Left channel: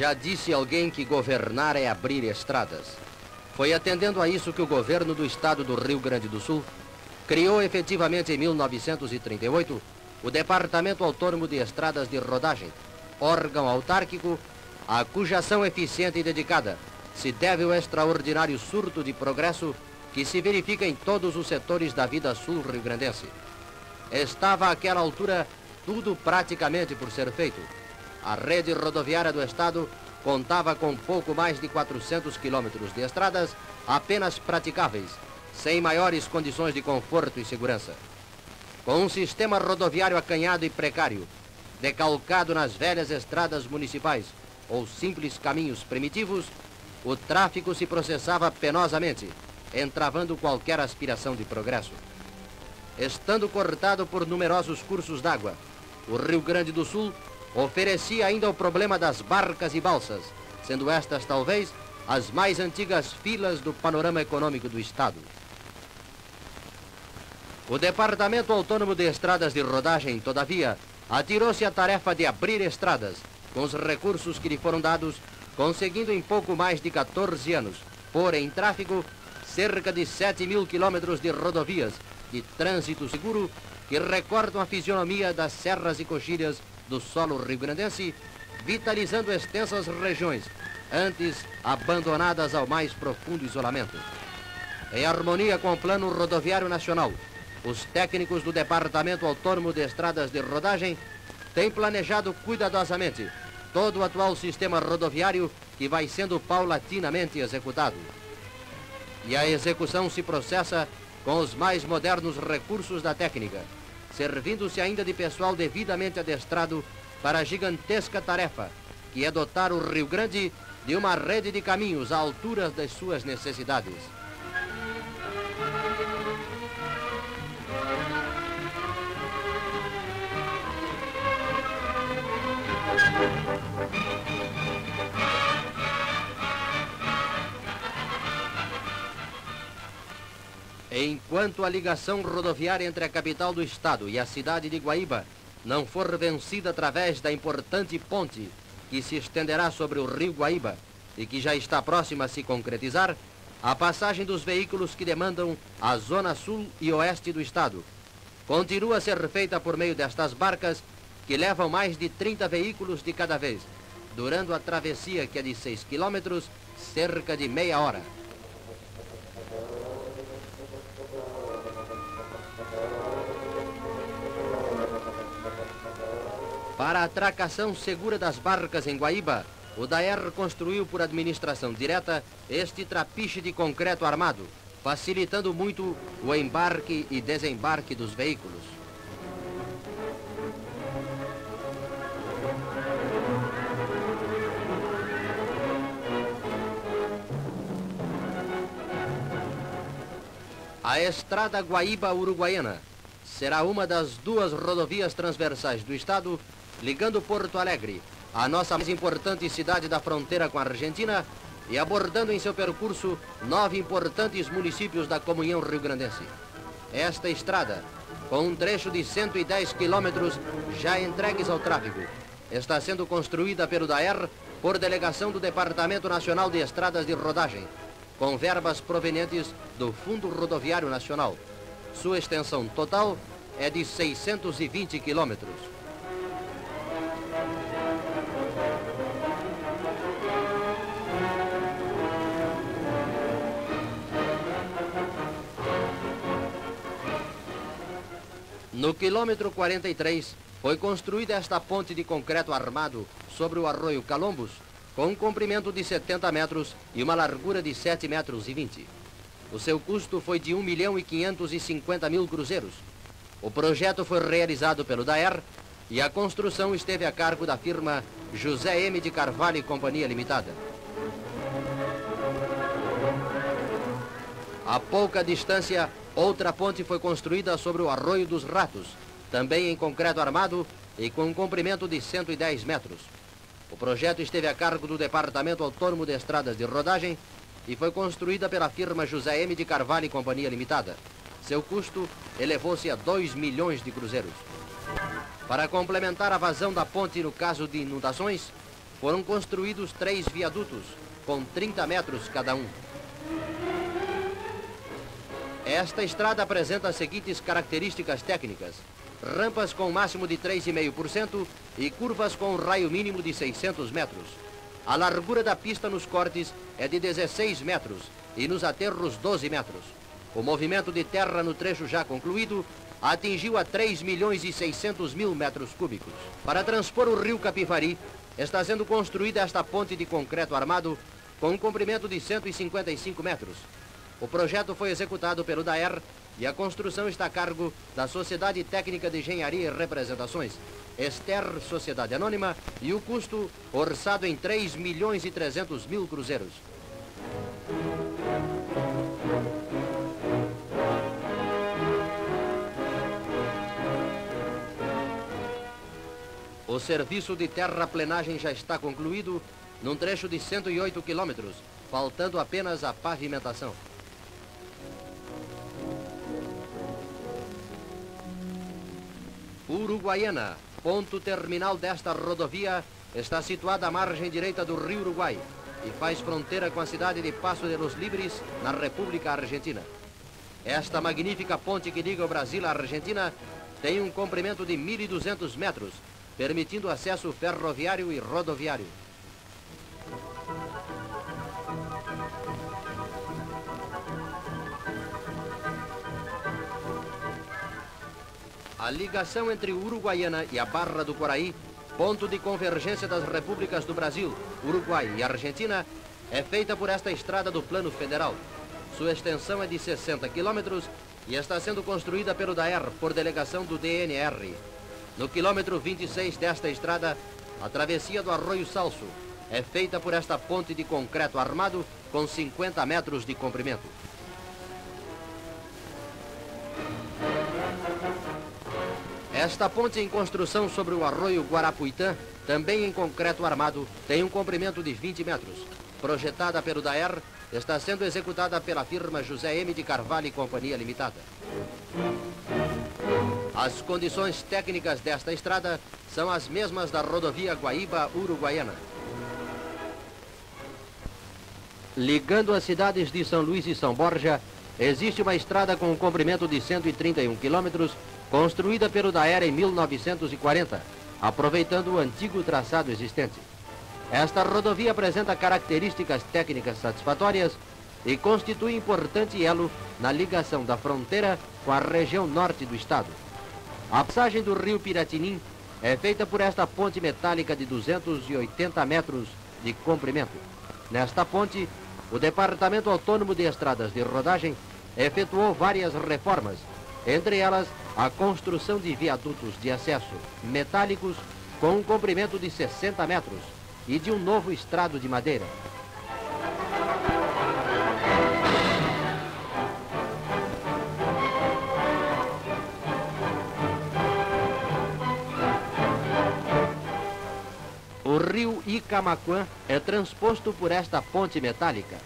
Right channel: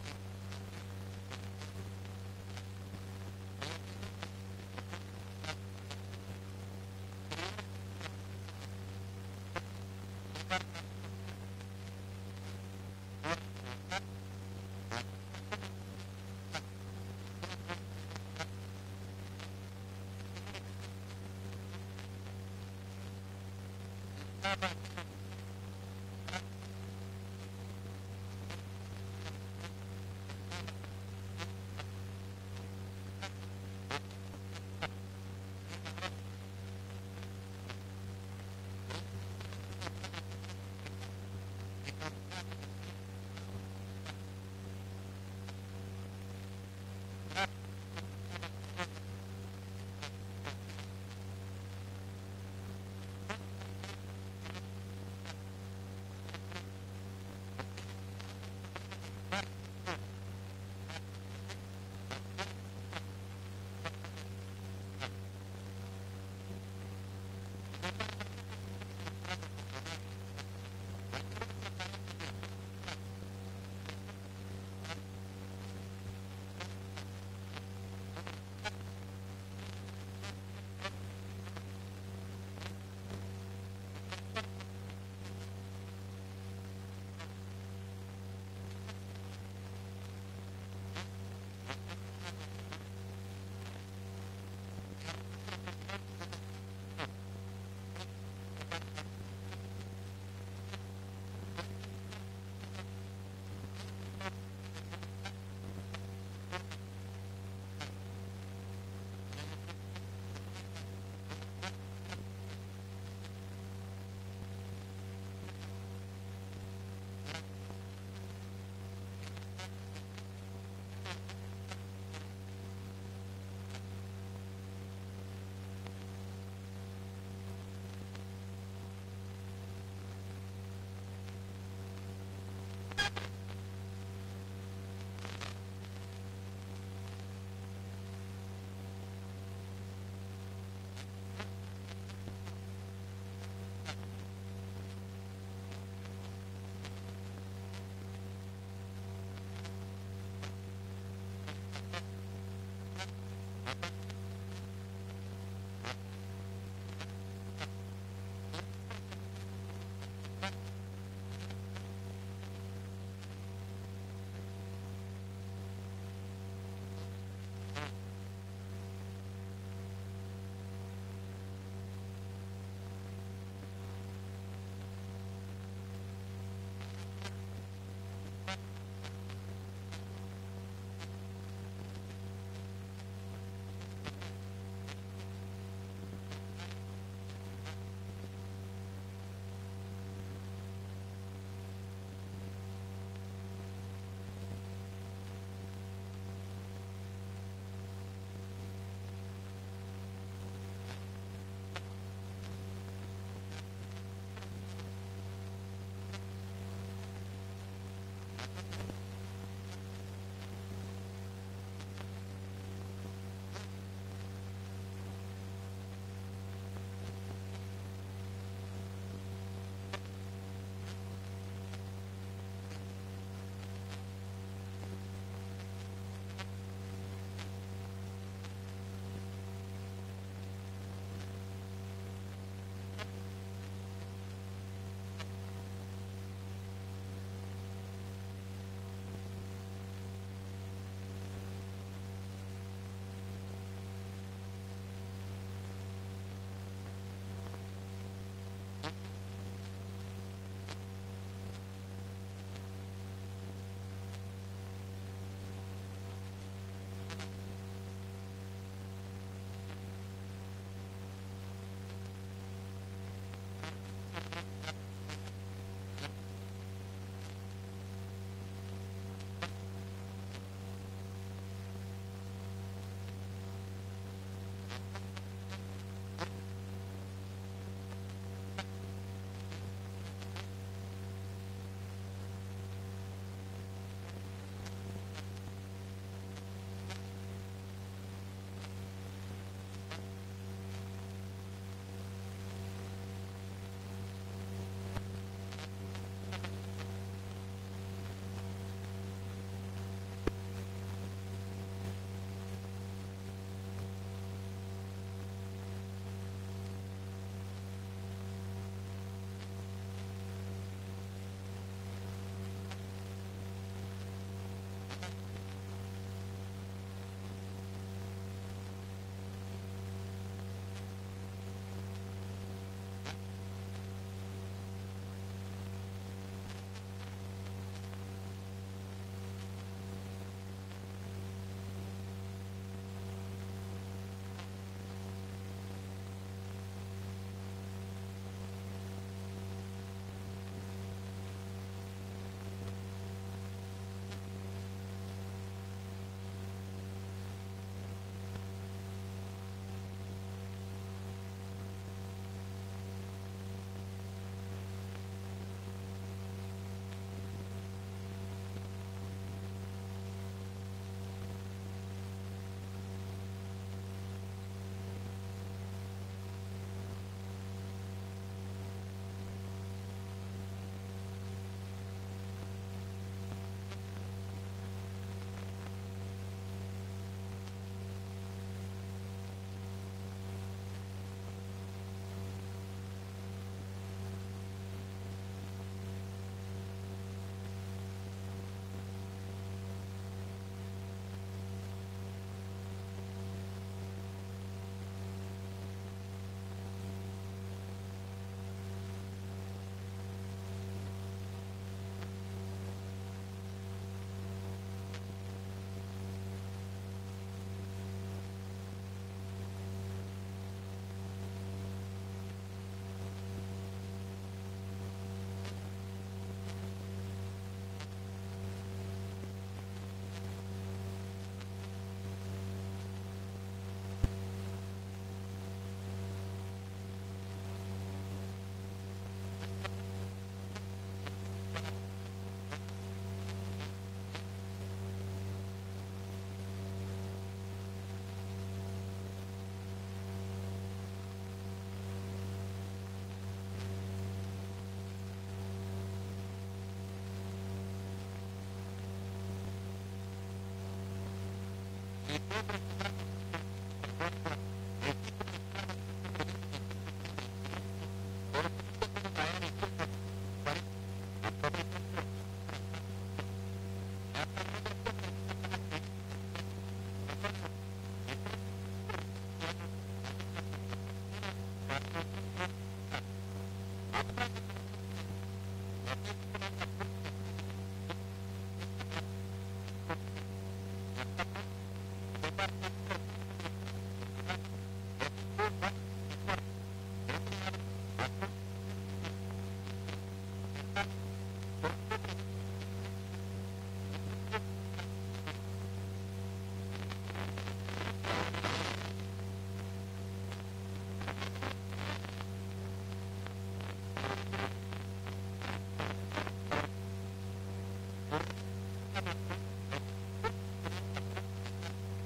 Já disse alguém que governar é abrir estradas. Foi atendendo a isso que o governo do estado do Rio Grande do Sul criou efetivamente em 1938 o Departamento Autônomo de Estradas de Rodagem, órgão autárquico a cuja ação eficiente e dedicada se deve ao extraordinário surto de progresso que se verifica em todos os setores da vida sul-riograndense. Estava àquela altura tudo praticamente por ser feito. A rede rodoviária do estado contava com pouco mais de 400 quilômetros de estradas apenas praticáveis, sem maiores condições de conforto e segurança. Com um sistema rodoviário acanhado e precário, decalcado nas velhas estradas municipais ou simples caminhos primitivos, o tráfico se processava penosamente, entravando qualquer aspiração de progresso. Estando cortado por numerosos cursos d'água, o Rio Grande do Sul oferecia ainda o problema das barcas e balsas, sendo estas talvez as mais antigas filas do panorama econômico do estado. O Departamento Autônomo de Estradas de Rodagem, todavia, atirou-se à tarefa de abrir estradas, com os recursos que lhe foram dados, conseguindo em pouco mais de 14 anos pôr em tráfego cerca de 7.000 quilômetros de rodovias de trânsito seguro que recordam a fisionomia das serras e coxilhas do solo rio-grandense, vitalizando extensas regiões, antes abandonadas ao mais profundo isolamento. Em harmonia com o Plano Rodoviário Nacional, os técnicos do Departamento Autônomo de Estradas de Rodagem têm planejado cuidadosamente todo o atual sistema rodoviário que vai sendo paulatinamente executado. E a execução se processa com os mais modernos recursos da técnica, servindo-se ainda de pessoal devidamente adestrado para a gigantesca tarefa, que é dotar o Rio Grande de uma rede de caminhos à altura das suas necessidades. Enquanto a ligação rodoviária entre a capital do estado e a cidade de Guaíba não for vencida através da importante ponte que se estenderá sobre o rio Guaíba e que já está próxima a se concretizar, a passagem dos veículos que demandam a zona sul e oeste do estado continua a ser feita por meio destas barcas que levam mais de 30 veículos de cada vez, durando a travessia, que é de 6 quilômetros, cerca de meia hora. Para a atracação segura das barcas em Guaíba, o DAER construiu por administração direta este trapiche de concreto armado, facilitando muito o embarque e desembarque dos veículos. A estrada Guaíba-Uruguaiana será uma das duas rodovias transversais do estado, ligando Porto Alegre, a nossa mais importante cidade da fronteira com a Argentina, e abordando em seu percurso 9 importantes municípios da comunhão rio-grandense. Esta estrada, com um trecho de 110 quilômetros já entregues ao tráfego, está sendo construída pelo DAER por delegação do Departamento Nacional de Estradas de Rodagem, com verbas provenientes do Fundo Rodoviário Nacional. Sua extensão total é de 620 quilômetros. No quilômetro 43, foi construída esta ponte de concreto armado sobre o arroio Calombos, com um comprimento de 70 metros e uma largura de 7,20 metros. O seu custo foi de 1.550.000 cruzeiros. O projeto foi realizado pelo DAER e a construção esteve a cargo da firma José M. de Carvalho e Companhia Limitada. A pouca distância, outra ponte foi construída sobre o Arroio dos Ratos, também em concreto armado e com um comprimento de 110 metros. O projeto esteve a cargo do Departamento Autônomo de Estradas de Rodagem e foi construída pela firma José M. de Carvalho e Companhia Limitada. Seu custo elevou-se a 2 milhões de cruzeiros. Para complementar a vazão da ponte no caso de inundações, foram construídos 3 viadutos, com 30 metros cada um. Esta estrada apresenta as seguintes características técnicas: rampas com máximo de 3,5% e curvas com raio mínimo de 600 metros. A largura da pista nos cortes é de 16 metros e nos aterros 12 metros. O movimento de terra no trecho já concluído atingiu a 3.600.000 metros cúbicos. Para transpor o rio Capivari, está sendo construída esta ponte de concreto armado com um comprimento de 155 metros. O projeto foi executado pelo DAER e a construção está a cargo da Sociedade Técnica de Engenharia e Representações, Ester Sociedade Anônima, e o custo orçado em 3.300.000 cruzeiros. O serviço de terraplenagem já está concluído num trecho de 108 quilômetros, faltando apenas a pavimentação. Uruguaiana, ponto terminal desta rodovia, está situada à margem direita do rio Uruguai e faz fronteira com a cidade de Paso de los Libres, na República Argentina. Esta magnífica ponte que liga o Brasil à Argentina tem um comprimento de 1.200 metros, permitindo acesso ferroviário e rodoviário. A ligação entre Uruguaiana e a Barra do Quaraí, ponto de convergência das repúblicas do Brasil, Uruguai e Argentina, é feita por esta estrada do Plano Federal. Sua extensão é de 60 quilômetros e está sendo construída pelo DAER por delegação do DNR. No quilômetro 26 desta estrada, a travessia do Arroio Salso é feita por esta ponte de concreto armado com 50 metros de comprimento. Esta ponte em construção sobre o Arroio Guarapuitã, também em concreto armado, tem um comprimento de 20 metros. Projetada pelo DAER, está sendo executada pela firma José M. de Carvalho e Companhia Limitada. As condições técnicas desta estrada são as mesmas da rodovia Guaíba-Uruguaiana. Ligando as cidades de São Luís e São Borja, existe uma estrada com um comprimento de 131 quilômetros, construída pelo DAER em 1940, aproveitando o antigo traçado existente. Esta rodovia apresenta características técnicas satisfatórias e constitui importante elo na ligação da fronteira com a região norte do estado. A passagem do rio Piratinim é feita por esta ponte metálica de 280 metros de comprimento. Nesta ponte, o Departamento Autônomo de Estradas de Rodagem efetuou várias reformas, entre elas a construção de viadutos de acesso metálicos com um comprimento de 60 metros e de um novo estrado de madeira. O rio Icamaquã é transposto por esta ponte metálica.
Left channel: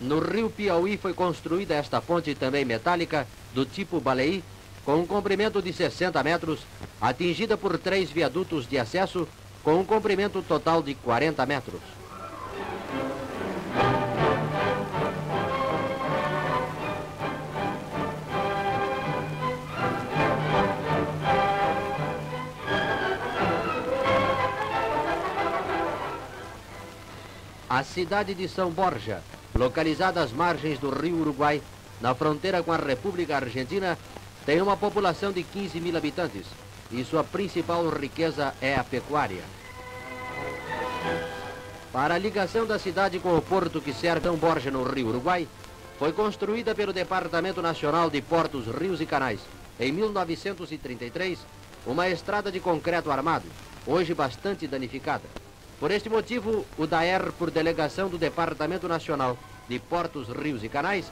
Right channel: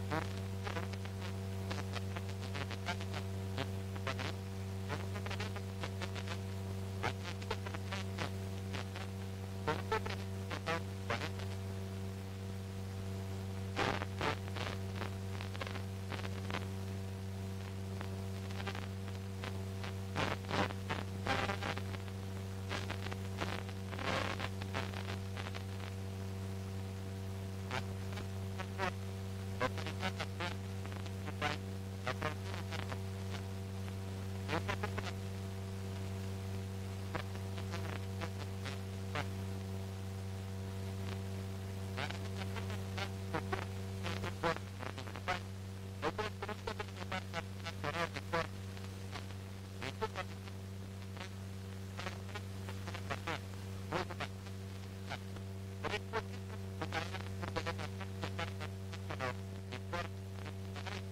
No rio Piauí foi construída esta ponte também metálica, do tipo baleí, com um comprimento de 60 metros, atingida por 3 viadutos de acesso, com um comprimento total de 40 metros. A cidade de São Borja, localizada às margens do rio Uruguai, na fronteira com a República Argentina, tem uma população de 15.000 habitantes e sua principal riqueza é a pecuária. Para a ligação da cidade com o porto que serve São Borja no rio Uruguai, foi construída pelo Departamento Nacional de Portos, Rios e Canais, em 1933, uma estrada de concreto armado, hoje bastante danificada. Por este motivo, o DAER, por delegação do Departamento Nacional de Portos, Rios e Canais,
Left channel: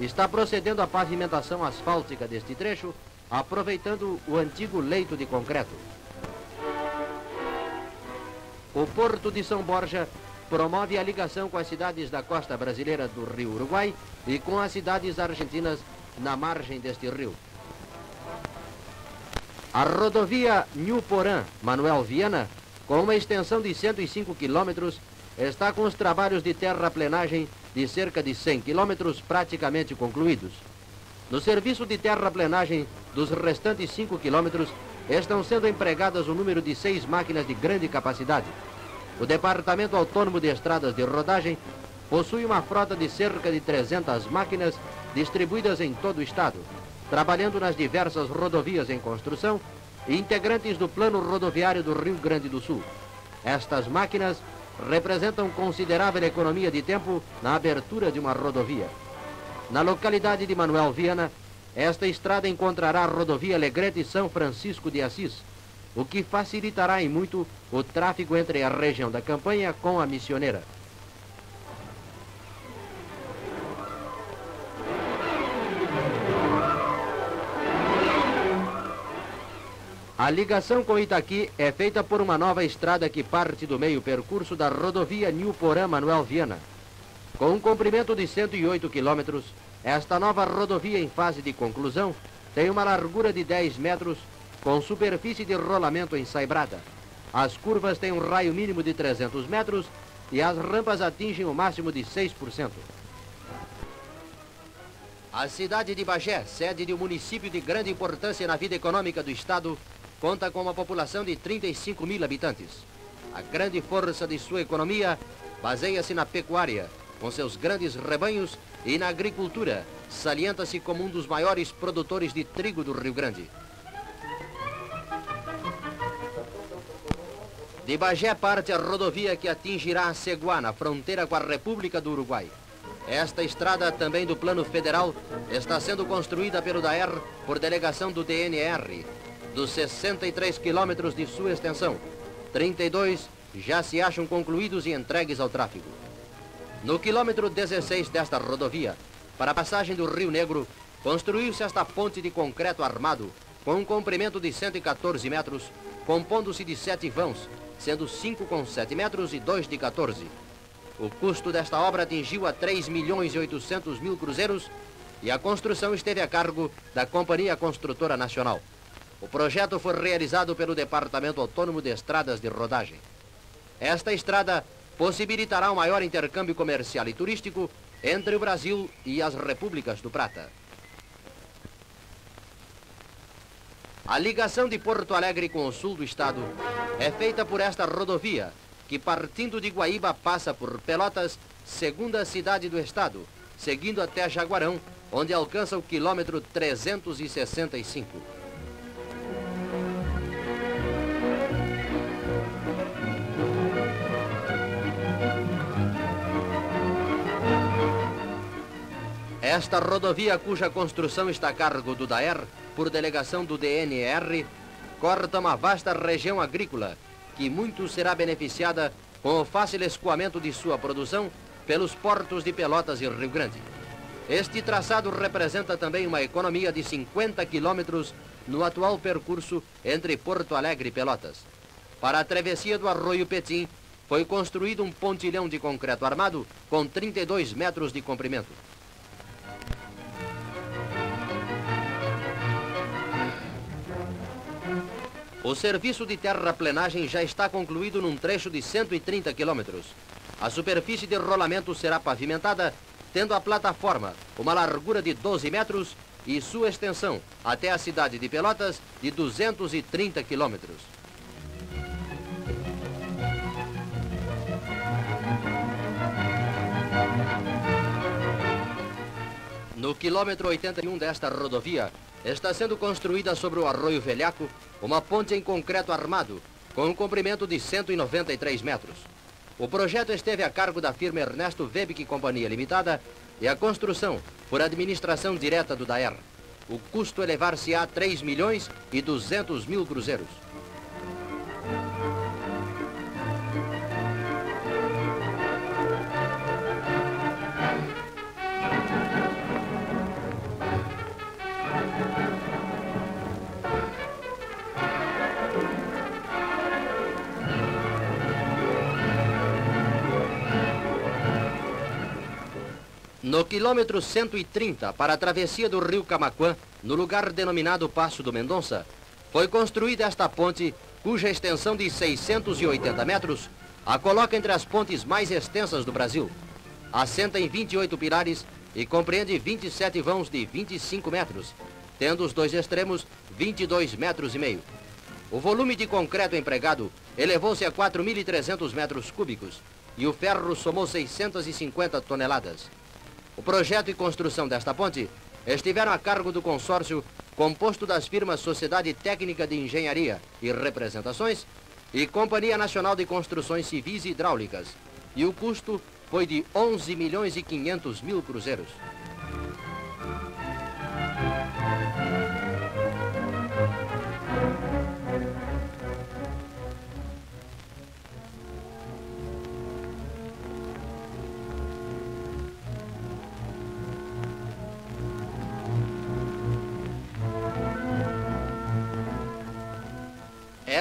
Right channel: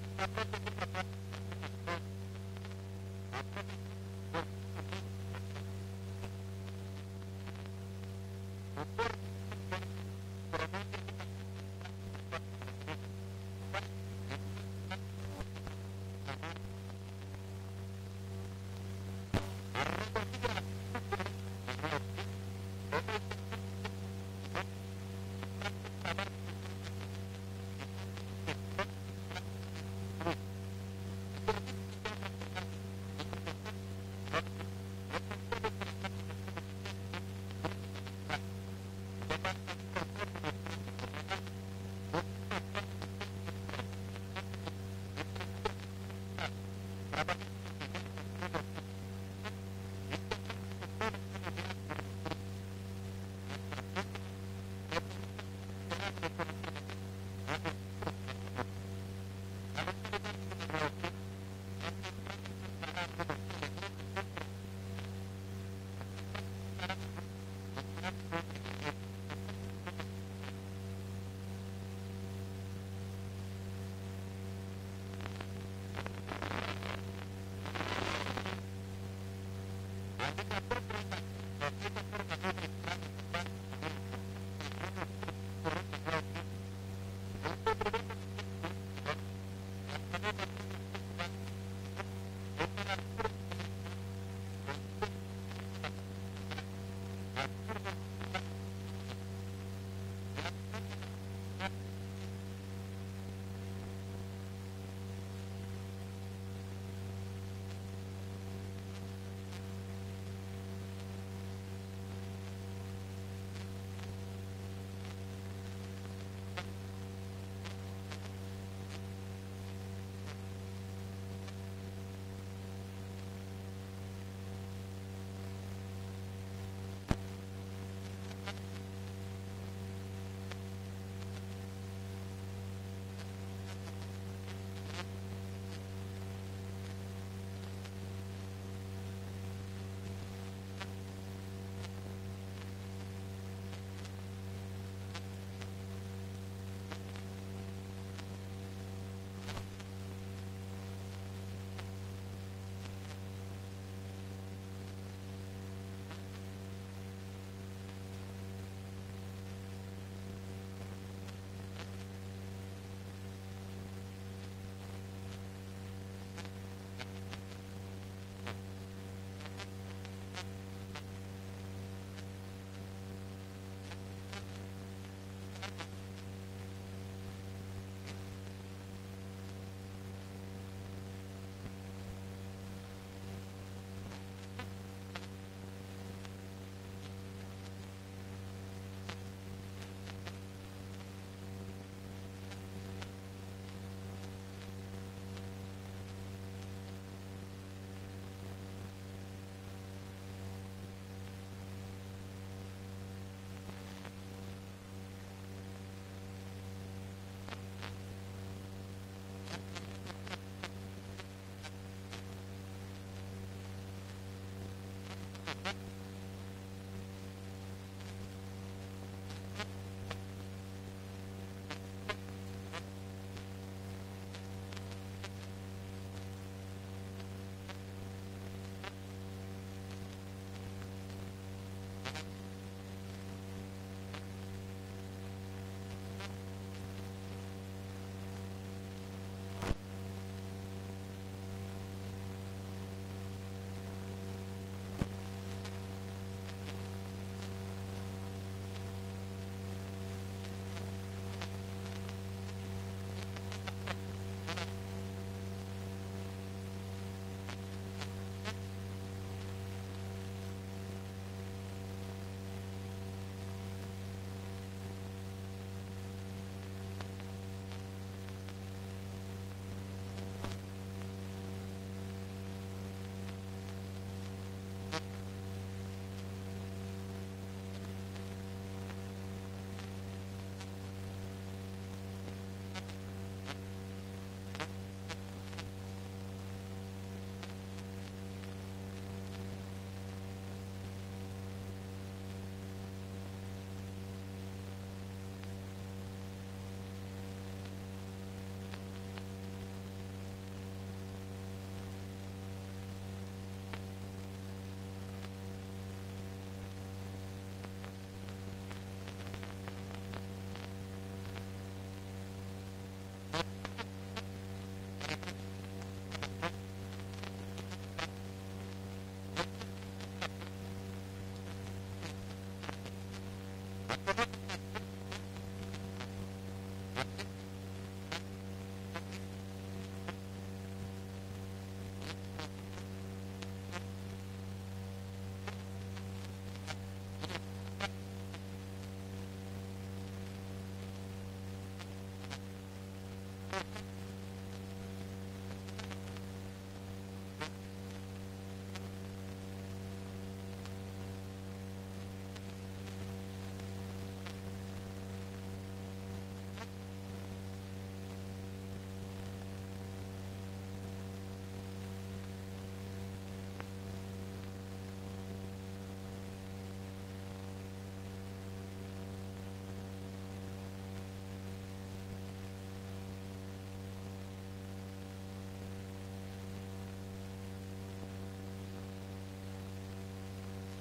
está procedendo à pavimentação asfáltica deste trecho, aproveitando o antigo leito de concreto. O Porto de São Borja promove a ligação com as cidades da costa brasileira do Rio Uruguai e com as cidades argentinas na margem deste rio. A rodovia Nhuporã-Manuel Viana, com uma extensão de 105 quilômetros, está com os trabalhos de terraplenagem de cerca de 100 quilômetros praticamente concluídos. No serviço de terraplenagem dos restantes 5 quilômetros, estão sendo empregadas um número de 6 máquinas de grande capacidade. O Departamento Autônomo de Estradas de Rodagem possui uma frota de cerca de 300 máquinas distribuídas em todo o estado, trabalhando nas diversas rodovias em construção e integrantes do Plano Rodoviário do Rio Grande do Sul. Estas máquinas representam considerável economia de tempo na abertura de uma rodovia. Na localidade de Manuel Viana, esta estrada encontrará a rodovia Alegrete-São Francisco de Assis, o que facilitará em muito o tráfego entre a região da Campanha com a Missioneira. A ligação com Itaqui é feita por uma nova estrada que parte do meio percurso da rodovia Nhuporã-Manuel Viana. Com um comprimento de 108 quilômetros, esta nova rodovia em fase de conclusão tem uma largura de 10 metros com superfície de rolamento ensaibrada. As curvas têm um raio mínimo de 300 metros e as rampas atingem o máximo de 6%. A cidade de Bagé, sede de um município de grande importância na vida econômica do estado, conta com uma população de 35 mil habitantes. A grande força de sua economia baseia-se na pecuária, com seus grandes rebanhos, e na agricultura, salienta-se como um dos maiores produtores de trigo do Rio Grande. De Bagé parte a rodovia que atingirá a Ceguá, na fronteira com a República do Uruguai. Esta estrada, também do plano federal, está sendo construída pelo DAER por delegação do DNR. Dos 63 quilômetros de sua extensão, 32 já se acham concluídos e entregues ao tráfego. No quilômetro 16 desta rodovia, para a passagem do Rio Negro, construiu-se esta ponte de concreto armado, com um comprimento de 114 metros, compondo-se de 7 vãos, sendo 5 com 7 metros e 2 de 14. O custo desta obra atingiu a 3.800.000 cruzeiros e a construção esteve a cargo da Companhia Construtora Nacional. O projeto foi realizado pelo Departamento Autônomo de Estradas de Rodagem. Esta estrada possibilitará um maior intercâmbio comercial e turístico entre o Brasil e as Repúblicas do Prata. A ligação de Porto Alegre com o sul do estado é feita por esta rodovia, que partindo de Guaíba passa por Pelotas, segunda cidade do estado, seguindo até Jaguarão, onde alcança o quilômetro 365. Esta rodovia, cuja construção está a cargo do DAER, por delegação do DNR, corta uma vasta região agrícola, que muito será beneficiada com o fácil escoamento de sua produção pelos portos de Pelotas e Rio Grande. Este traçado representa também uma economia de 50 quilômetros no atual percurso entre Porto Alegre e Pelotas. Para a travessia do Arroio Petim, foi construído um pontilhão de concreto armado com 32 metros de comprimento. O serviço de terraplenagem já está concluído num trecho de 130 quilômetros. A superfície de rolamento será pavimentada, tendo a plataforma uma largura de 12 metros e sua extensão até a cidade de Pelotas de 230 quilômetros. No quilômetro 81 desta rodovia, está sendo construída sobre o Arroio Velhaco uma ponte em concreto armado, com um comprimento de 193 metros. O projeto esteve a cargo da firma Ernesto Webick Companhia Limitada e a construção por administração direta do DAER. O custo elevar-se a 3.200.000 cruzeiros. No quilômetro 130, para a travessia do rio Camaquã, no lugar denominado Passo do Mendonça, foi construída esta ponte, cuja extensão de 680 metros a coloca entre as pontes mais extensas do Brasil. Assenta em 28 pilares e compreende 27 vãos de 25 metros, tendo os dois extremos 22 metros e meio. O volume de concreto empregado elevou-se a 4.300 metros cúbicos e o ferro somou 650 toneladas. O projeto e construção desta ponte estiveram a cargo do consórcio composto das firmas Sociedade Técnica de Engenharia e Representações e Companhia Nacional de Construções Civis e Hidráulicas, e o custo foi de 11.500.000 cruzeiros.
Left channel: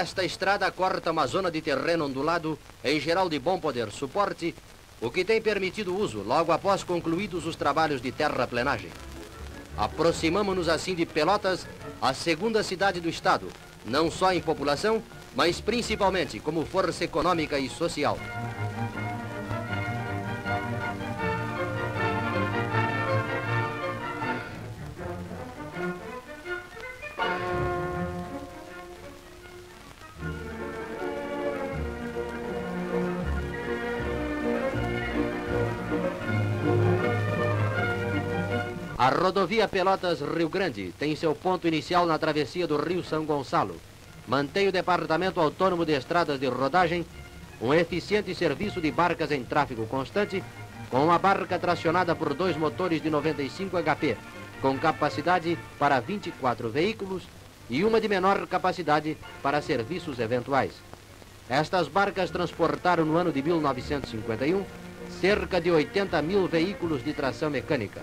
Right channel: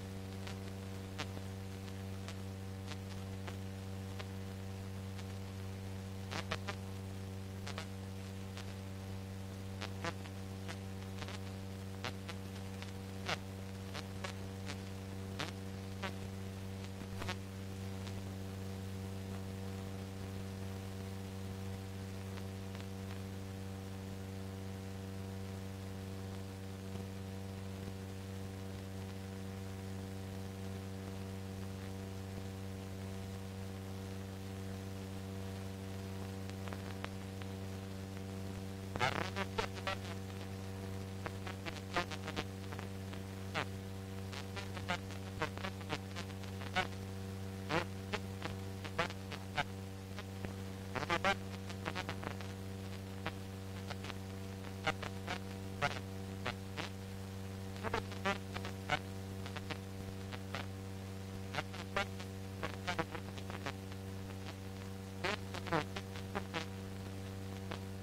Esta estrada corta uma zona de terreno ondulado, em geral de bom poder suporte, o que tem permitido uso logo após concluídos os trabalhos de terraplenagem. Aproximamo-nos assim de Pelotas, a segunda cidade do estado, não só em população, mas principalmente como força econômica e social. A rodovia Pelotas-Rio Grande tem seu ponto inicial na travessia do Rio São Gonçalo. Mantém o Departamento Autônomo de Estradas de Rodagem um eficiente serviço de barcas em tráfego constante, com uma barca tracionada por 2 motores de 95 HP, com capacidade para 24 veículos e uma de menor capacidade para serviços eventuais. Estas barcas transportaram no ano de 1951 cerca de 80.000 veículos de tração mecânica.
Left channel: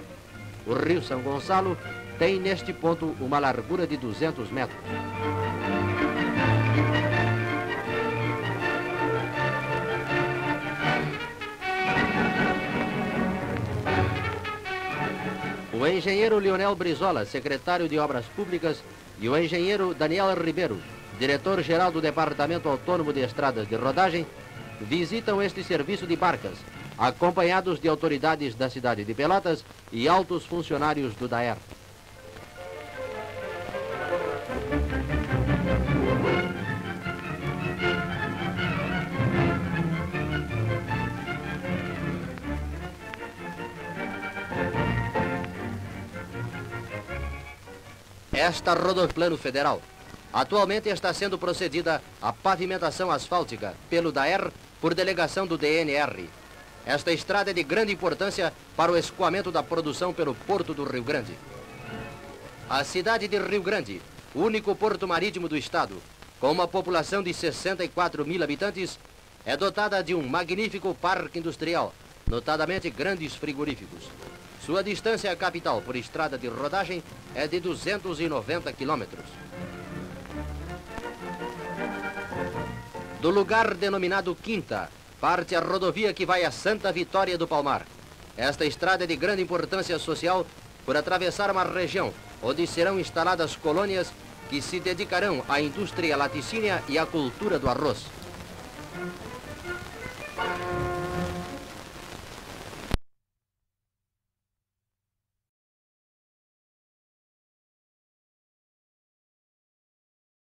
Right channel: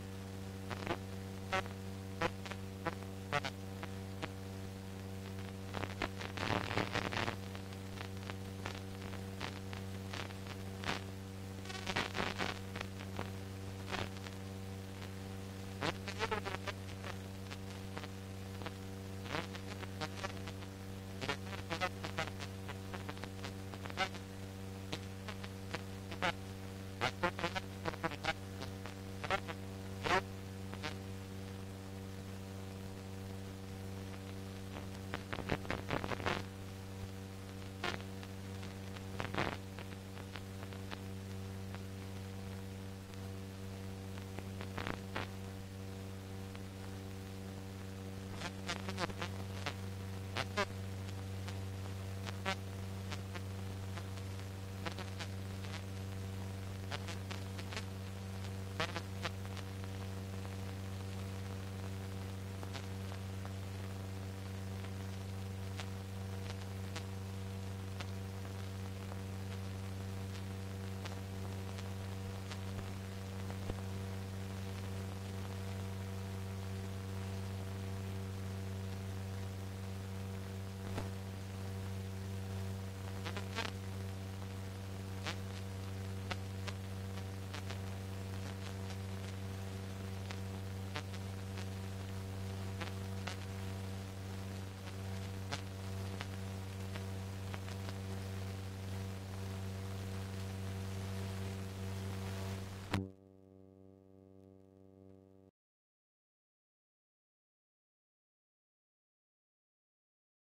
O Rio São Gonçalo tem neste ponto uma largura de 200 metros. O engenheiro Leonel Brizola, secretário de Obras Públicas, e o engenheiro Daniel Ribeiro, diretor-geral do Departamento Autônomo de Estradas de Rodagem, visitam este serviço de barcas, acompanhados de autoridades da cidade de Pelotas e altos funcionários do DAER. Esta rodoplano federal atualmente está sendo procedida a pavimentação asfáltica pelo DAER por delegação do DNR. Esta estrada é de grande importância para o escoamento da produção pelo Porto do Rio Grande. A cidade de Rio Grande, o único porto marítimo do estado, com uma população de 64.000 habitantes, é dotada de um magnífico parque industrial, notadamente grandes frigoríficos. Sua distância à capital por estrada de rodagem é de 290 quilômetros. Do lugar denominado Quinta, parte a rodovia que vai a Santa Vitória do Palmar. Esta estrada é de grande importância social por atravessar uma região onde serão instaladas colônias que se dedicarão à indústria laticínea e à cultura do arroz.